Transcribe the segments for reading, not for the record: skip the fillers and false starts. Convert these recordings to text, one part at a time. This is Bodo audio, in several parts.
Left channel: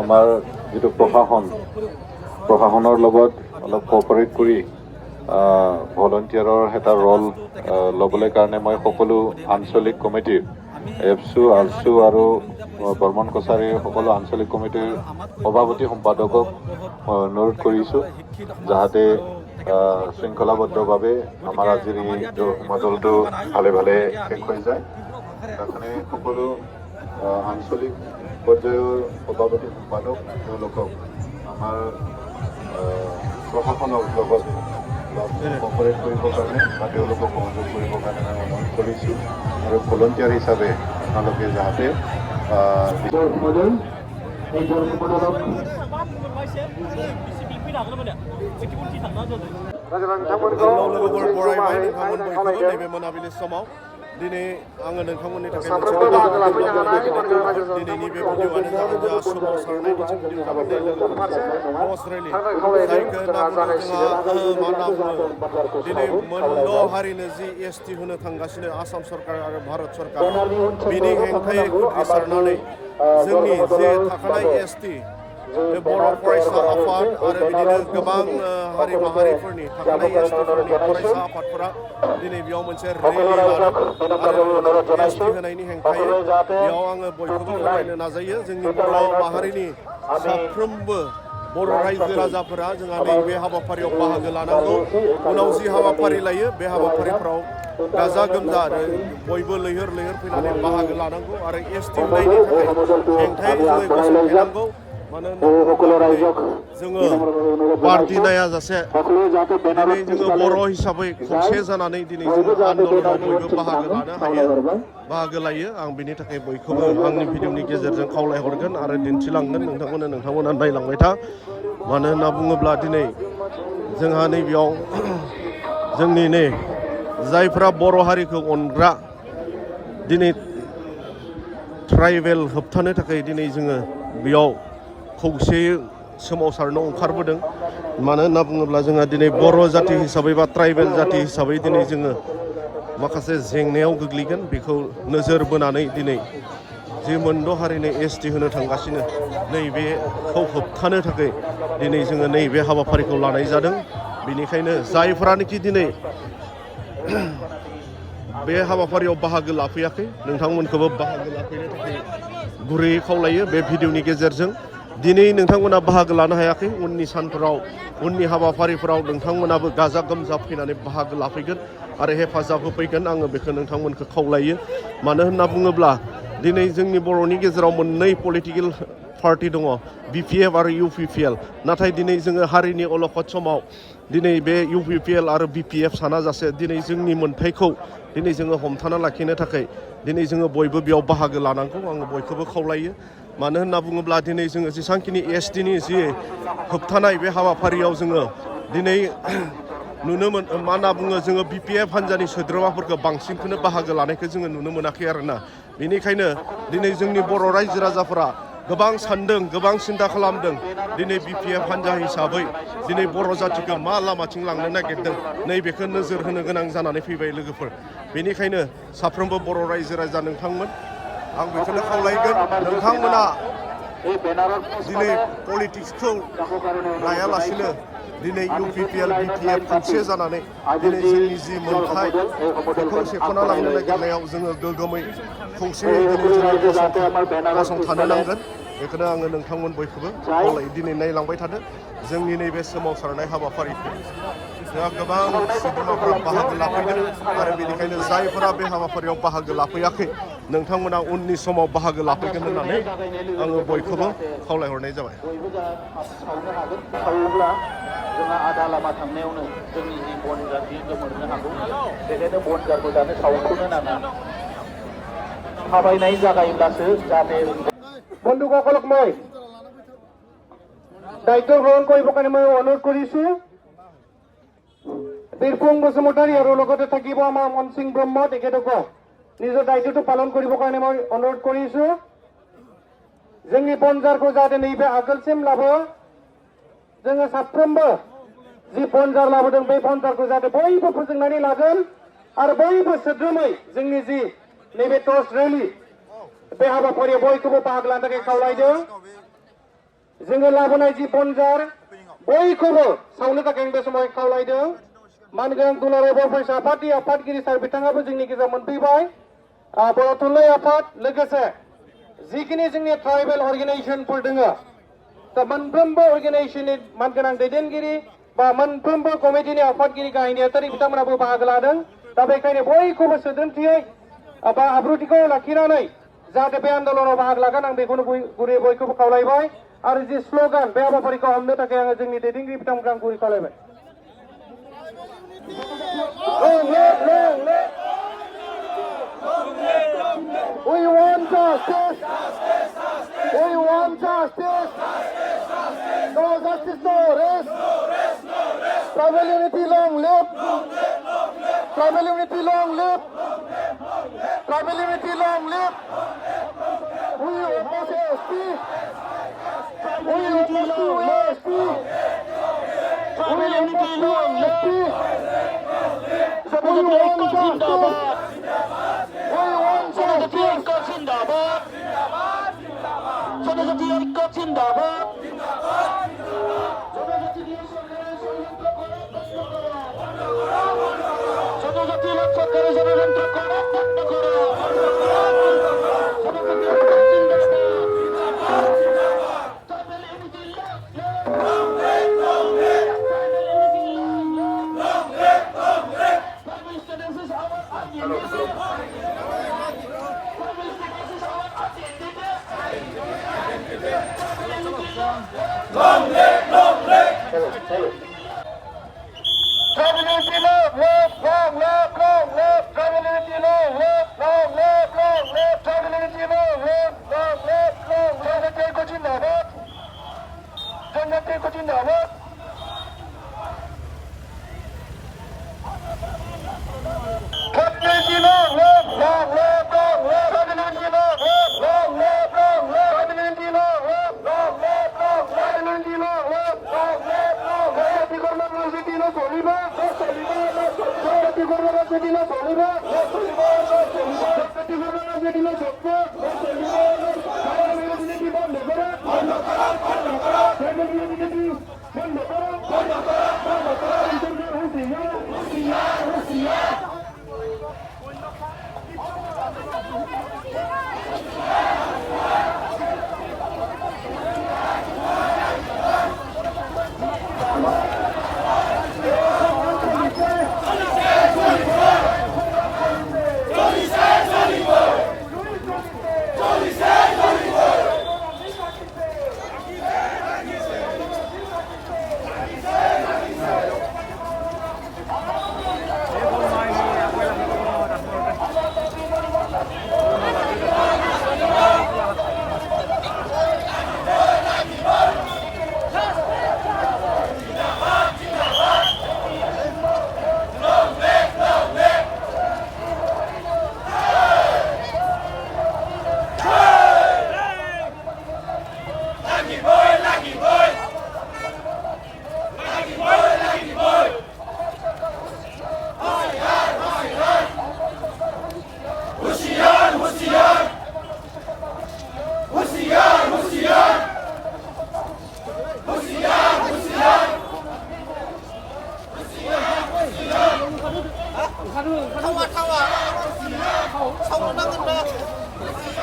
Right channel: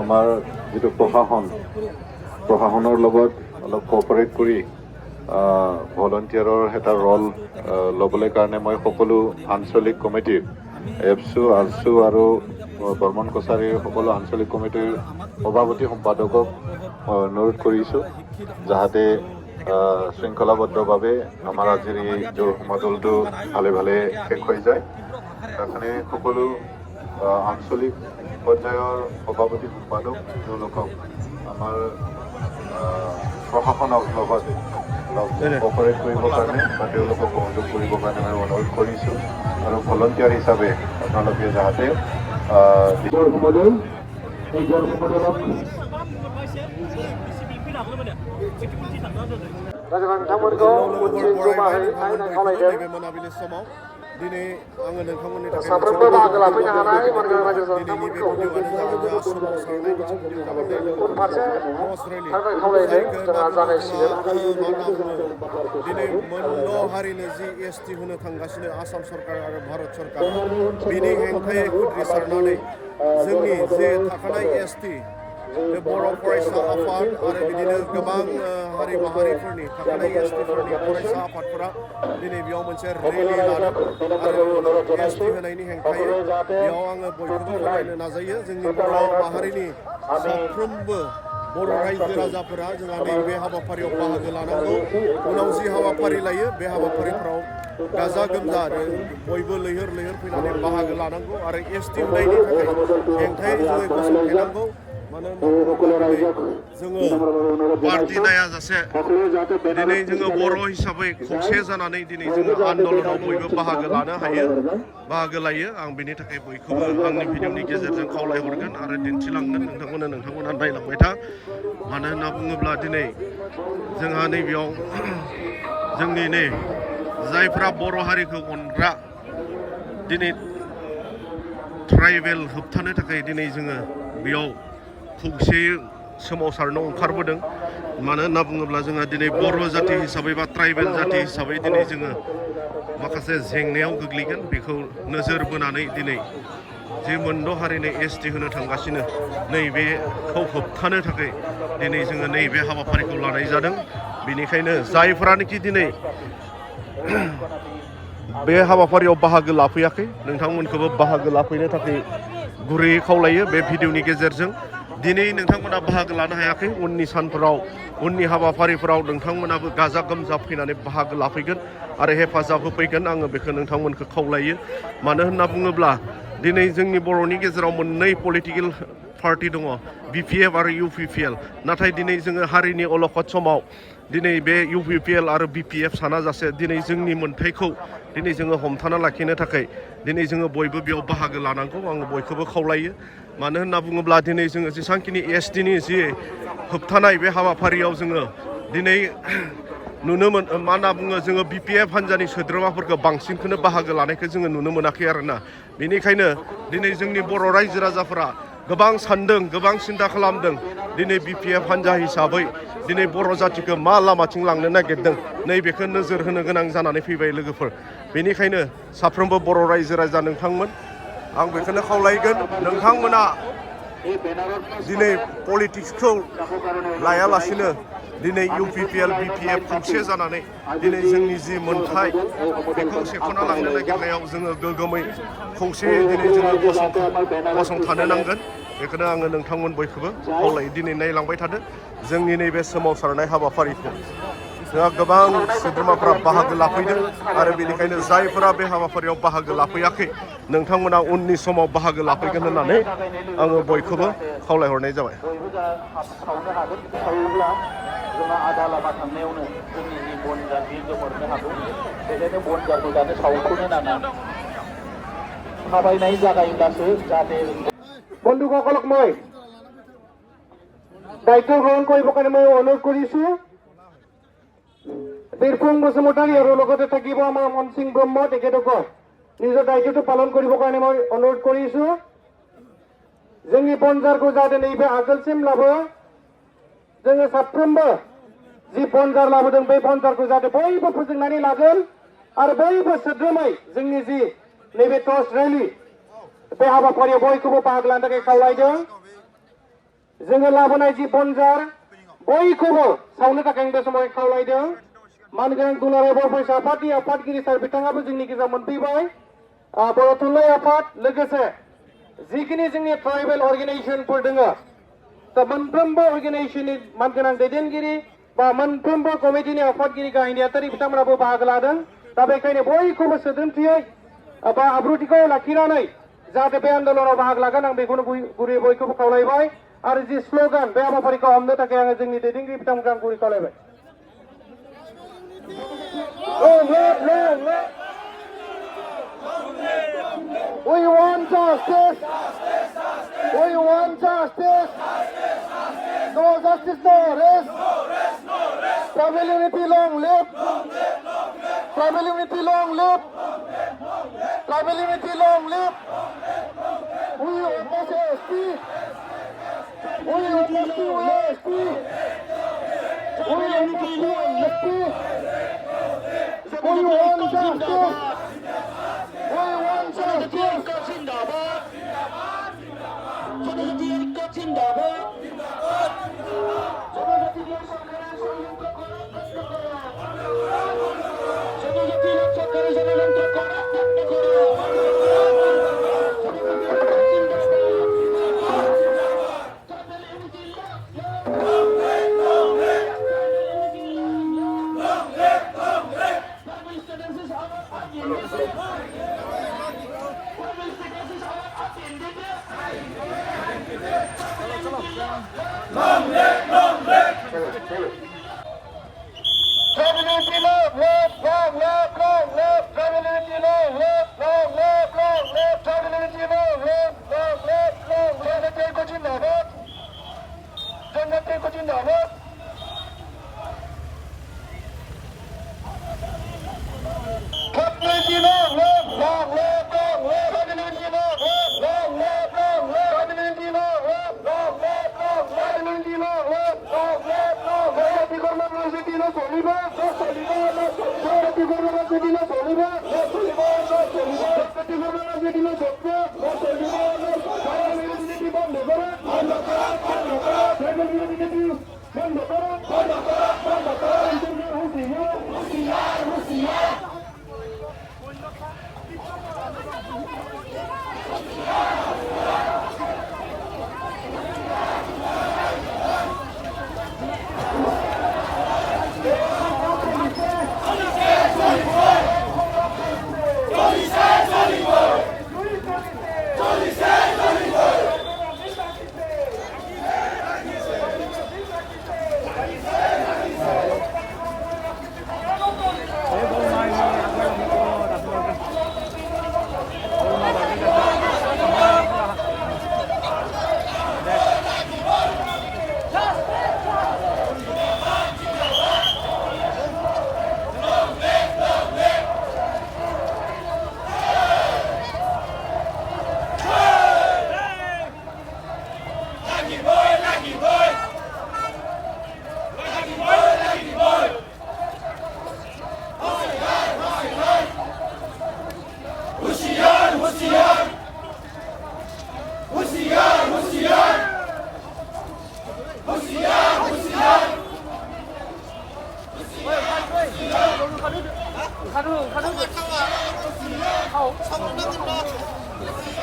আমাৰ যিটো প্ৰশাসনৰ লগত অলপ কোঅপাৰেট কৰি ভলণ্টিয়াৰৰ এটা ৰল ল'বলৈ কাৰণে মই সকলো আঞ্চলিক কমিটিৰ এফচু আলচু আৰু বৰ্মন কছাৰীৰ সকলো আঞ্চলিক কমিটিৰ সভাপতি সম্পাদকক অনুৰোধ কৰিছোঁ যাতে শৃংখলাবদ্ধভাৱে আমাৰ আজিৰ এই সমাজলটো ভালে ভালে শেষ হৈ যায়। তাৰ কাৰণে সকলো আঞ্চলিক পৰ্যায়ৰ সভাপতি সম্পাদক তেওঁলোকক আমাৰ প্ৰশাসনৰ লগতে কোঅপাৰেট কৰিবৰ কাৰণে বা তেওঁলোকক সহযোগ কৰিবৰ কাৰণে মই অনুৰোধ কৰিছোঁ আৰু ভলণ্টিয়াৰ হিচাপে আপোনালোকে যাতে लोगोफोर बरायबाय नोंथांमोन बयखौबो नैबे मोनाबिलि समाव दिनै आङो नोंथांमोननि थाखाय मोनसे दिनैनि बे भिडिअ'आनो जागोन जोंहा सोमावसारनाय मोनसे भिडिअ' जागोन क्रस रेलि जायखौ होनना बुङो जोंहा मा होनना बुङो दिनै मोनद' हारिनो जि एसटि होनो थांगासिनो आसाम सरकार आरो भारत सरकार बिनि हेंथायै उद्रिसारनानै जोंनि जे थाखानाय एसटि बे बर' फरायसा आफाद आरो बिदिनो गोबां हारि माहारिफोरनि थाखानाय एसटिफोरनि फरायसा आफादफोरा दिनै बेयाव मोनसे रेलि लादों आरो एसटि होनायनि हेंथायै बेयाव आङो बयखौबो फोरमायनो नाजायो जोंनि बर' माहारिनि साफ्रोमबो बर' रायजो राजाफोरा जोंहा नैबे हाबाफारियाव बाहागो लानांगौ उनाव जि हाबाफारि लायो बे हाबाफारिफ्राव गाजा गोमजा आरो बयबो लैहोर लैहोर फैनानै बाहागो लानांगौ आरो एसटि होनायनि थाखाय हेंथायै जोङो गसंथानांगौ मानो होनना जोङो पार्टि नायाजासे दिनै जोङो बर' हिसाबै खौसे जानानै दिनै जोङो आन्दलनाव बयबो बाहागो लानो हायो बाहागो लायो आं बेनि थाखाय बयखौबो आंनि भिडिअ'नि गेजेरजों खावलायहरगोन आरो दिन्थिलांगोन नोंथांमोना नायलांबाय था मानो होनना बुङोब्ला दिनै जोंहा नैबेयाव जोंनि जायफ्रा बर' हारिखौ अनग्रा दिनै ट्राइबेल होबथानो थाखाय दिनै जोङो बेयाव खौसेयै सोमावसारनो ओंखारबोदों मानो होनना बुङोब्ला जोंहा दिनै बर' जाथि हिसाबै बा ट्राइबेल जाथि हिसाबै दिनै जोङो माखासे जेंनायाव गोग्लैगोन बेखौ नोजोर बोनानै दिनै जे मोनद' हारिनो एसटि होनो थांगासिनो नैबेखौ होबथानो थाखाय दिनै जोङो नैबे हाबाफारिखौ लानाय जादों बेनिखायनो जायफोरानोखि दिनै बे हाबाफारियाव बाहागो लाफैयाखै नोंथांमोनखौबो बाहागो लाफैनो थाखाय गुरैयै खावलायो बे भिडिअ'नि गेजेरजों दिनै नोंथांमोना बाहागो लानो हायाखै उननि सानफोराव उननि हाबाफारिफोराव नोंथांमोनाबो गाजा गोमजा फैनानै बाहागो लाफैगोन आरो हेफाजाब होफैगोन आङो बेखौ नोंथांमोनखौ खावलायो मानो होनना बुङोब्ला दिनै जोंनि बर'नि गेजेराव मोननै पलिटिकेल पार्टि दङ BPF आरो UPPL नाथाय दिनै जोङो हारिनि अलखद समाव दिनै बे UPPL आरो BPF सानाजासे दिनै जोंनि मोन्थायखौ दिनै जोङो हमथाना लाखिनो थाखाय दिनै जोङो बयबो बेयाव बाहागो लानांगौ आङो बयखौबो खावलायो मानो होनना बुङोब्ला दिनै जोङो जेसेबांखिनि एसटिनि जि होबथानाय बे हाबाफारियाव जोङो दिनै नुनो मा होनना बुङो जोङो BPF हान्जानि सोद्रोमाफोरखौ बांसिनखौनो बाहागो लानायखौ जोङो नुनो मोनाखै आरोना बेनिखायनो दिनै जोंनि बर' रायजो राजाफोरा गोबां सानदों गोबां सिन्था खालामदों दिनै BPF हान्जा हिसाबै दिनै बर' जाथिखौ मा लामाथिं लांनो नागिरदों नैबेखौ नोजोर होनो गोनां जानानै फैबाय लोगोफोर बेनिखायनो साफ्रोमबो बर' रायजो राजा नोंथांमोन आं बेखौनो खावलायगोन नोंथांमोना दिनै पलिटिक्सखौ लायालासिनो दिनै UPPL BPF खौसे जानानै दिनै जोंनि जि मोन्थाय बेखौ सेख'ना लांनो नागिरनायाव जोङो गोग्गोमै खौसेयै दिनै जोङो गसंथानो नांगोन बेखौनो आङो नोंथांमोन बयखौबो खावलायो दिनै नायलांबाय थादो जोंनि नैबे सोमावसारनाय हाबाफारिखौ जोंहा गोबां सोद्रोमाफ्रा बाहागो लाफैदों आरो बेनिखायनो जायफोरा बे हाबाफारियाव बाहागो लाफैयाखै नोंथांमोना उननि समाव बाहागो लाफैगोन होननानै आङो बयखौबो खावलायहरनाय जाबाय थाबायनाय जागायोब्लासो जाहाथे বন্ধুসকলক মই দায়িত্ব গ্ৰহণ কৰিবৰ কাৰণে মই অনুৰোধ কৰিছো বীৰপুং বসুমতাৰী আৰু লগতে থাকিব আমাৰ মন সিং ব্ৰহ্ম তেখেতক নিজৰ দায়িত্বটো পালন কৰিবৰ কাৰণে মই অনুৰোধ কৰিছো जोंनि बनजारखौ जाहाथे नैबे आगोलसिम लाबो जोङो साफ्रोमबो जि बनजार लाबोदों बे बनजारखौ जाहाथे बयबो फोजोंनानै लागोन आरो बयबो सोद्रोमै जोंनि जि नैबे टर्च रेलि बे हाबाफारियाव बयखौबो बाहागो लानो थाखाय खावलायदों जोङो लाबोनाय जि बनजार बयखौबो सावनो थाखाय आं बे समाव खावलायदों मानगोनां दुलाराय बरफायसा आफादनि आफादगिरि सार बिथाङाबो जोंनि गेजेराव मोनफैबाय बर' थुनलाइ आफाद लोगोसे जिखिनि जोंनि ट्राइबेल अर्गेनाइजेसनफोर दङ दा मोनफ्रोमबो अर्गेनाइजेसननि मानगोनां दैदेनगिरि बा मोनफ्रोमबो कमिटिनि आफादगिरि गाहाय नेहाथारि बिथांमोनाबो बाहागो लादों दा बेखायनो बयखौबो सोद्रोमथियै बा आब्रुथिखौ लाखिनानै जाहाथे बे आन्दोलनाव बाहागो लागोन आं बेखौनो गुरै बयखौबो खावलायबाय आरो जि स्ल'गान बे हाबाफारिखौ हमनो थाखाय आङो जोंनि दैदेनगिरि बिथांमोनखौ आं गुरै खावलायबाय We want justice. We want justice. No justice, no rest. Tribal unity, long live. Tribal unity, long live. Tribal unity, long live. We oppose ASP. We oppose to ASP. We oppose to ASP. We want justice. We want justice.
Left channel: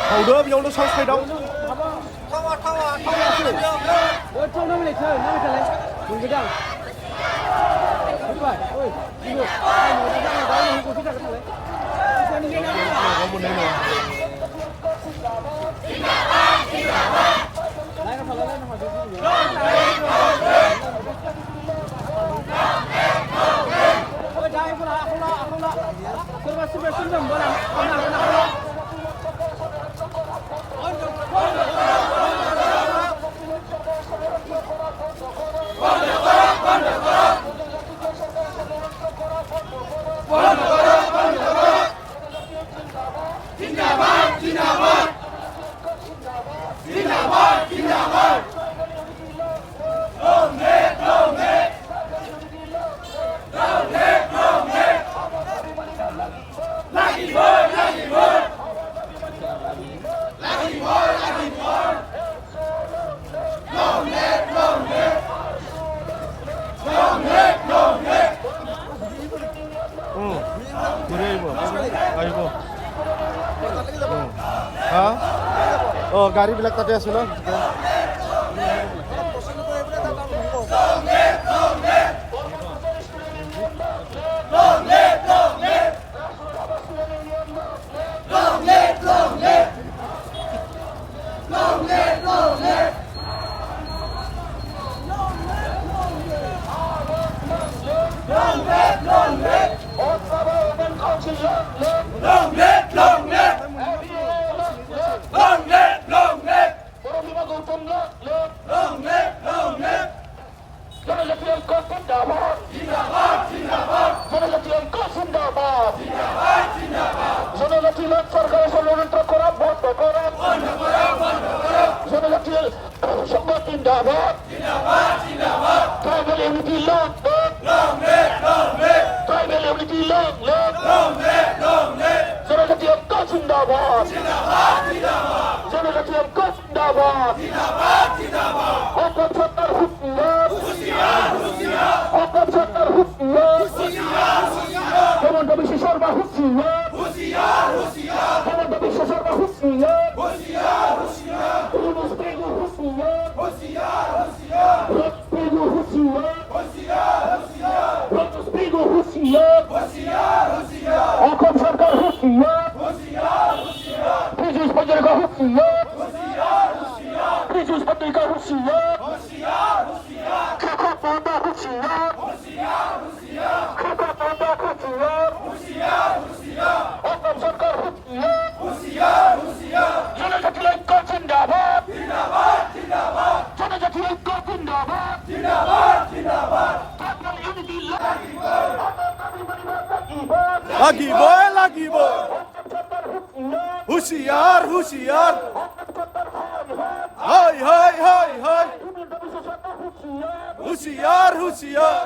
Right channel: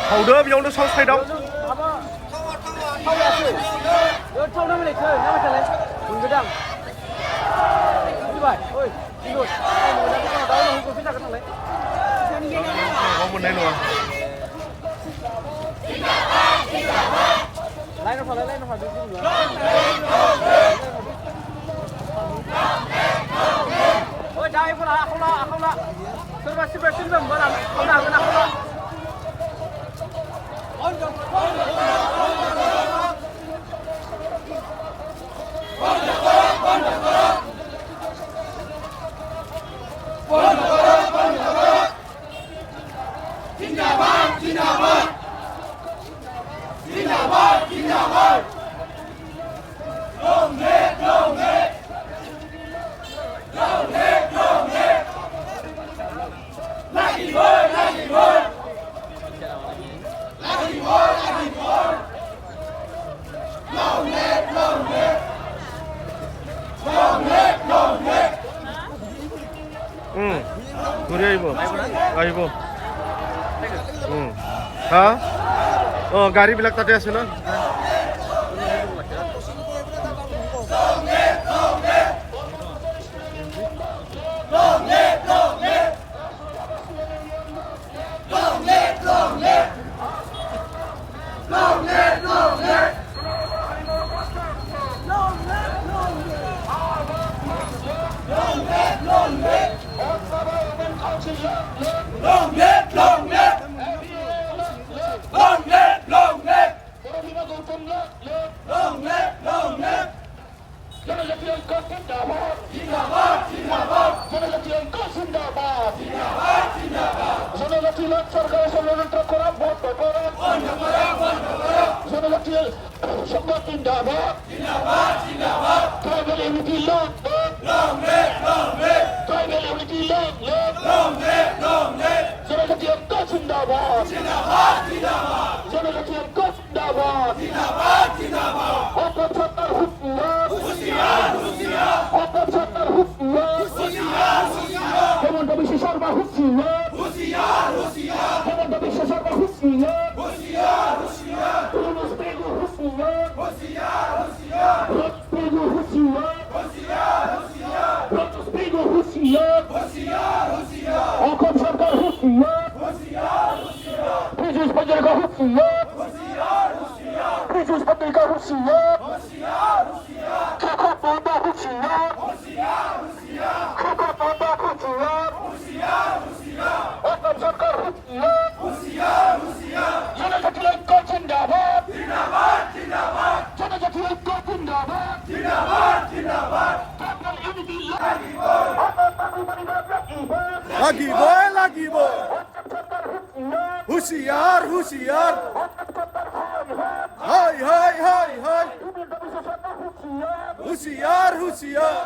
Hầu बेयावनो साउथ साइडआव मोननाय नङा ঘুরে আইব আহিব হা গাড়ীবিলাক তাতে আছে ন লাগিব হুঁশিয়ার হুঁশিয়ার হয় হয় হয় হয় হুঁশিয়ার হুঁশিয়ার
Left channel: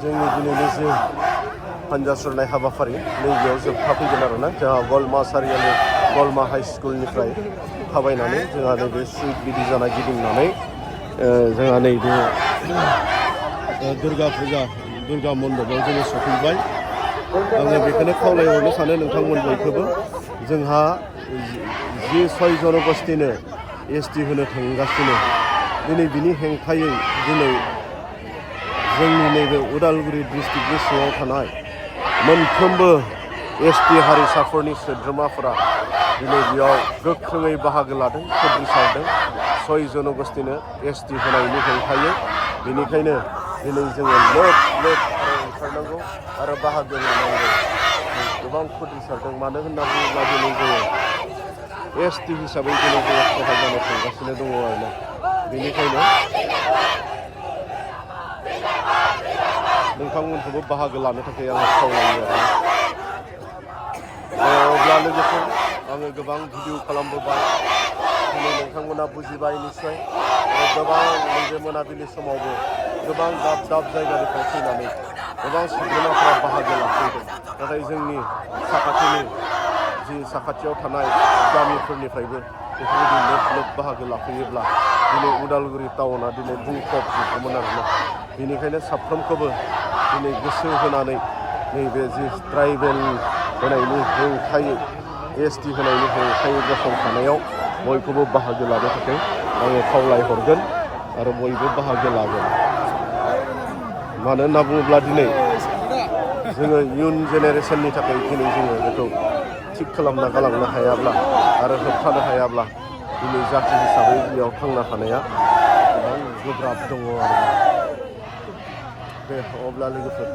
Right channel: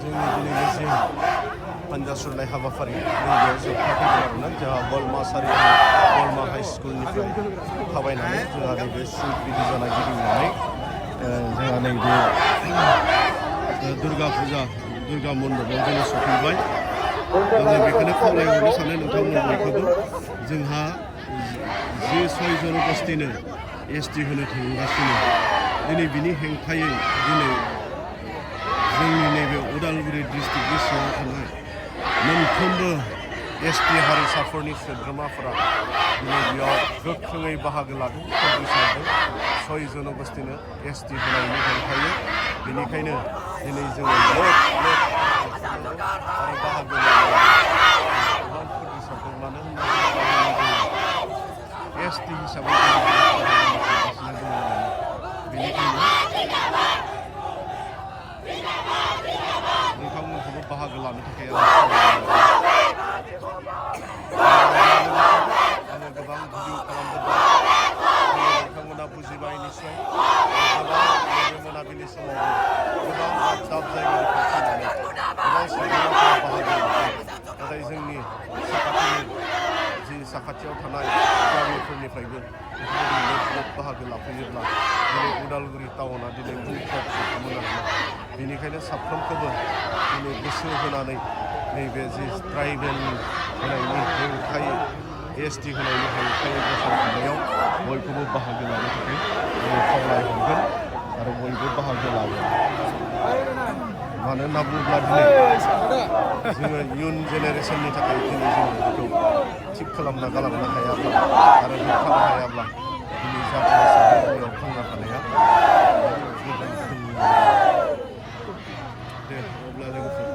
जोंनि दिनैनि जि हान्जा सुरनाय हाबाफारि नैबेयाव जोबथा फैगोन आरोना जोंहा गलमा सारियालि गलमा हाइ स्कुलनिफ्राय थाबायनानै जोंहा नैबे सिल्क डिभिजना गिदिंनानै जोंहा नैबे दुर्गा फुजा दुर्गा मन्दपाव जोङो सफैबाय आङो बेखौनो खावलायहरनो सानो नोंथांमोन बयखौबो जोंहा जि 6 जनगोष्ठीनो ST होनो थांगासिनो दिनै बिनि हेंथायै दिनै जोंनि नैबे उदालगुरि डिस्ट्रिक्टनि सिङाव थानाय मोनफ्रोमबो ST हारिसाफोरनि सोद्रोमाफोरा दिनै बेयाव गोख्रोङै बाहागो लादों खुद्रिसारदों 6 जनगोष्ठीनो ST होनायनि हेंथायै बेनिखायनो दिनै जोङो लेट ओंखारनांगौ आरो बाहागो लानांगौ गोबां खुद्रिसारदों मानो होनना बुङोब्ला दिनै जोङो ST हिसाबै दिनै जोङो फुजा जानो थांगासिनो दङ आरोना बेनिखायनो नोंथांमोनखौबो बाहागो लानो थाखाय आं खावलायो अब्ला लोगोफोर आङो गोबां भिडिअ खालामबोबाय नोंथांमोना बुजिबाय निस्सय गोबां नैबे मोनाबिलि समावबो गोबां दाब जायगानिफ्राय फैनानै गोबां सुबुंफोरा बाहागो लाफैदों नाथाय जोंनि साखाथियाव थानाय गामिफोरनिफ्रायबो बेफोरबायदि लोब बाहागो लाफैयोब्ला दिनै उदालगुरि टाउना दिनै बुंफबजोबगौमोन आरोना बेनिखायनो साफ्रोमखौबो दिनै गोसो होनानै नैबे जि ट्राइबेल होनायनि हेंथायै ST होनायनि हेंथायै गसंथानायाव बयखौबो बाहागो लानो थाखाय आङो खावलायहरगोन आरो बयबो बाहागो लागोन मानो होनना बुङोब्ला दिनै जोङो इयुन जेनेरेसननि थाखाय दिनै जोङो बेखौ थिग खालामना गालांनो हायाब्ला आरो होबथानो हायाब्ला दिनै जाथि हिसाबै बेयाव थांना थानाया गोबां गोब्राब दङ आरो दे अब्ला लोगोफोर